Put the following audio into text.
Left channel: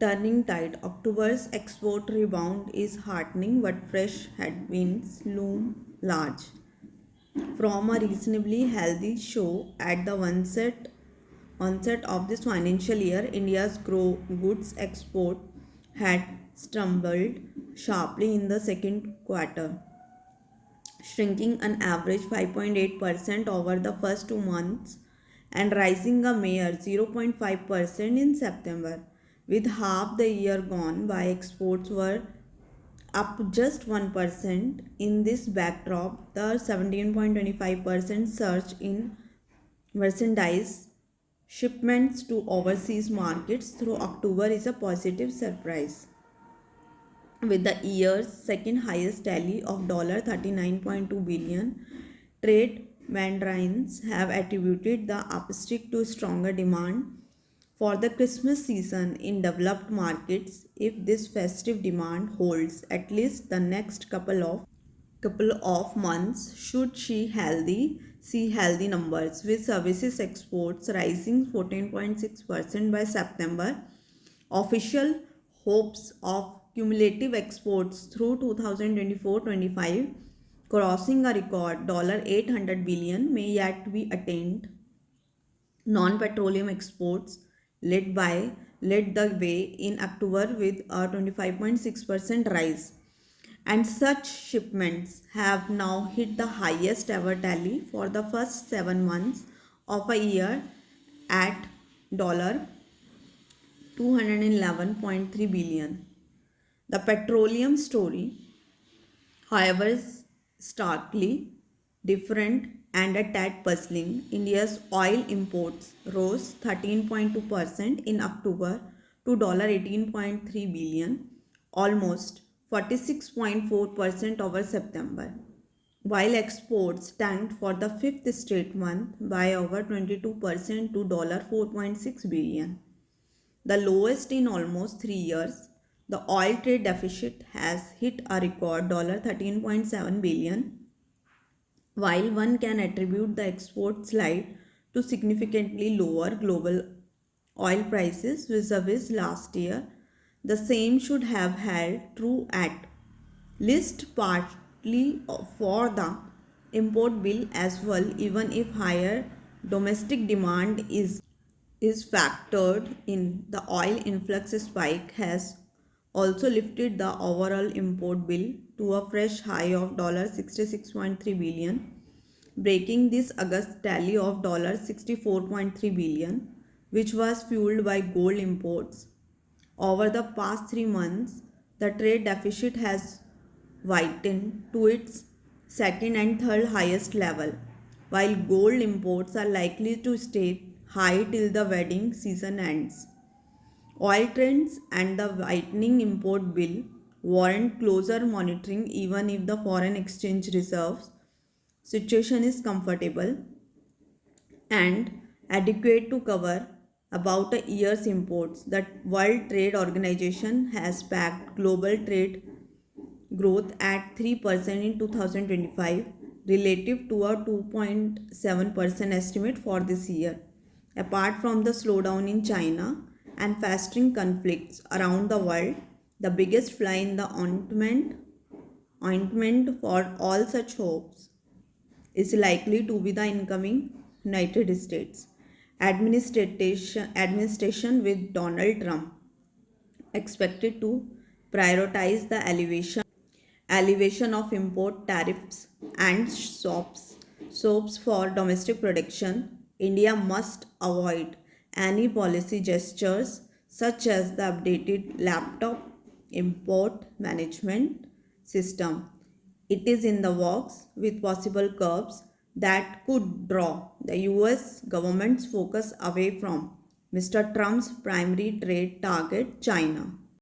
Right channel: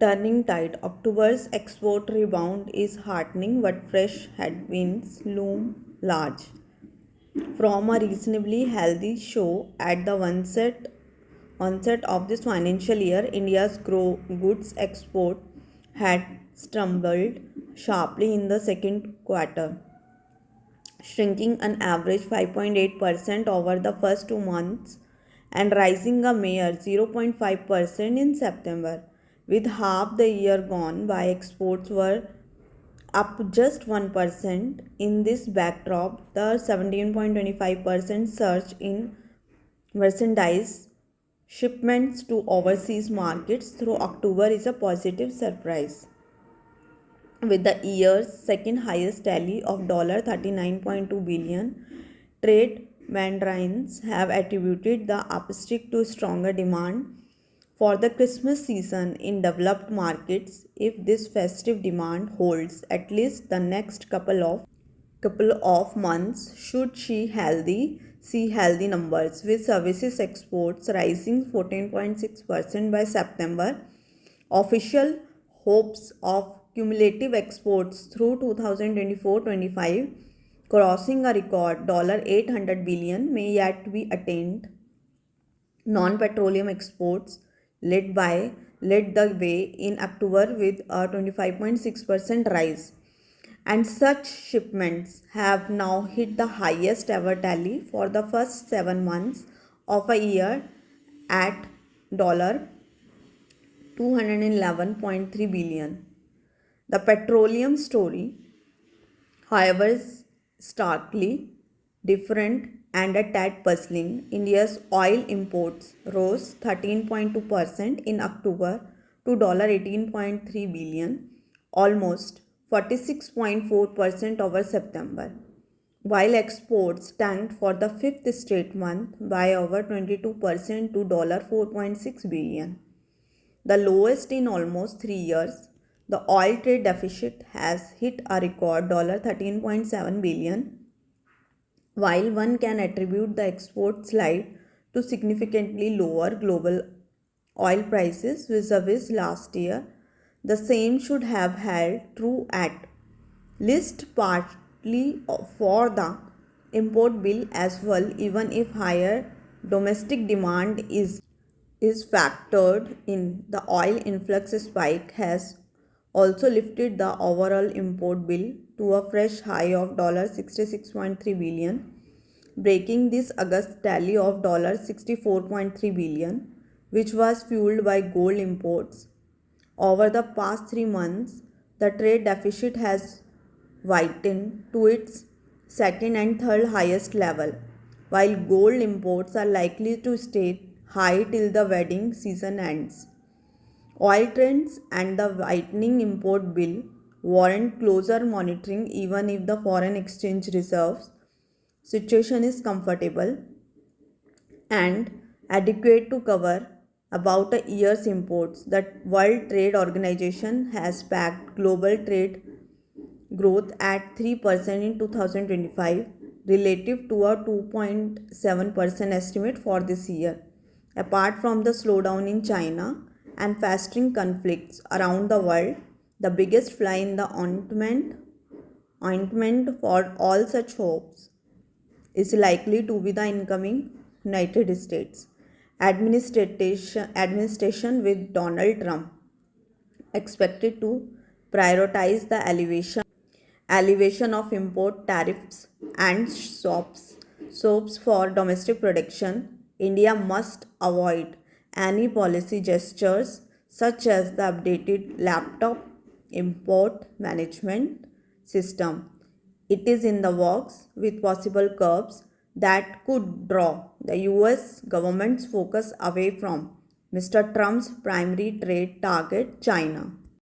Turning tide, October's export rebound is heartening, but fresh headwinds loom large. From a reasonably healthy show at the onset of this financial year, India's goods export had stumbled sharply in the second quarter, shrinking an average 5.8% over the first 2 months and rising a mere 0.5% in September. With half the year gone by, exports were up just 1%. In this backdrop, the 17.25% surge in merchandise shipments to overseas markets through October is a positive surprise. With the year's second highest tally of $39.2 billion, trade mandarins have attributed the upstick to stronger demand for the Christmas season in developed markets. If this festive demand holds at least the next couple of months, should see healthy numbers, with services exports rising 14.6% by September. Official hopes of cumulative exports through 2024-25 crossing a record $800 billion may yet be attained. Non-petroleum exports led the way in October with a 25.6% rise, and such shipments have now hit the highest ever tally for the first 7 months of a year at $211.3 billion. The petroleum story, however, is starkly different and a tad puzzling. India's oil imports rose 13.2% in October to $18.3 billion, almost 46.4% over September, while exports tanked for the fifth straight month by over 22% to $4.6 billion, the lowest in almost 3 years. The oil trade deficit has hit a record $13.7 billion. While one can attribute the export slide to significantly lower global oil prices vis-a-vis last year, the same should have held true at least partly for the import bill as well, even if higher domestic demand is factored in. The oil influx spike has also lifted the overall import bill to a fresh high of $66.3 billion, breaking this August tally of $64.3 billion, which was fueled by gold imports. Over the past 3 months, the trade deficit has widened to its second and third highest level, while gold imports are likely to stay high till the wedding season ends. Oil trends and the widening import bill warrant closer monitoring, even if the foreign exchange reserves situation is comfortable and adequate to cover about a year's imports. The World Trade Organization has backed global trade growth at 3% in 2025 relative to a 2.7% estimate for this year. Apart from the slowdown in China and festering conflicts around the world, the biggest fly in the ointment for all such hopes is likely to be the incoming United States administration with Donald Trump expected to prioritize the elevation of import tariffs and soaps for domestic production. India must avoid any policy gestures such as the updated laptop import management system. It is in the works, with possible curbs that could draw the US government's focus away from Mr. Trump's primary trade target, China.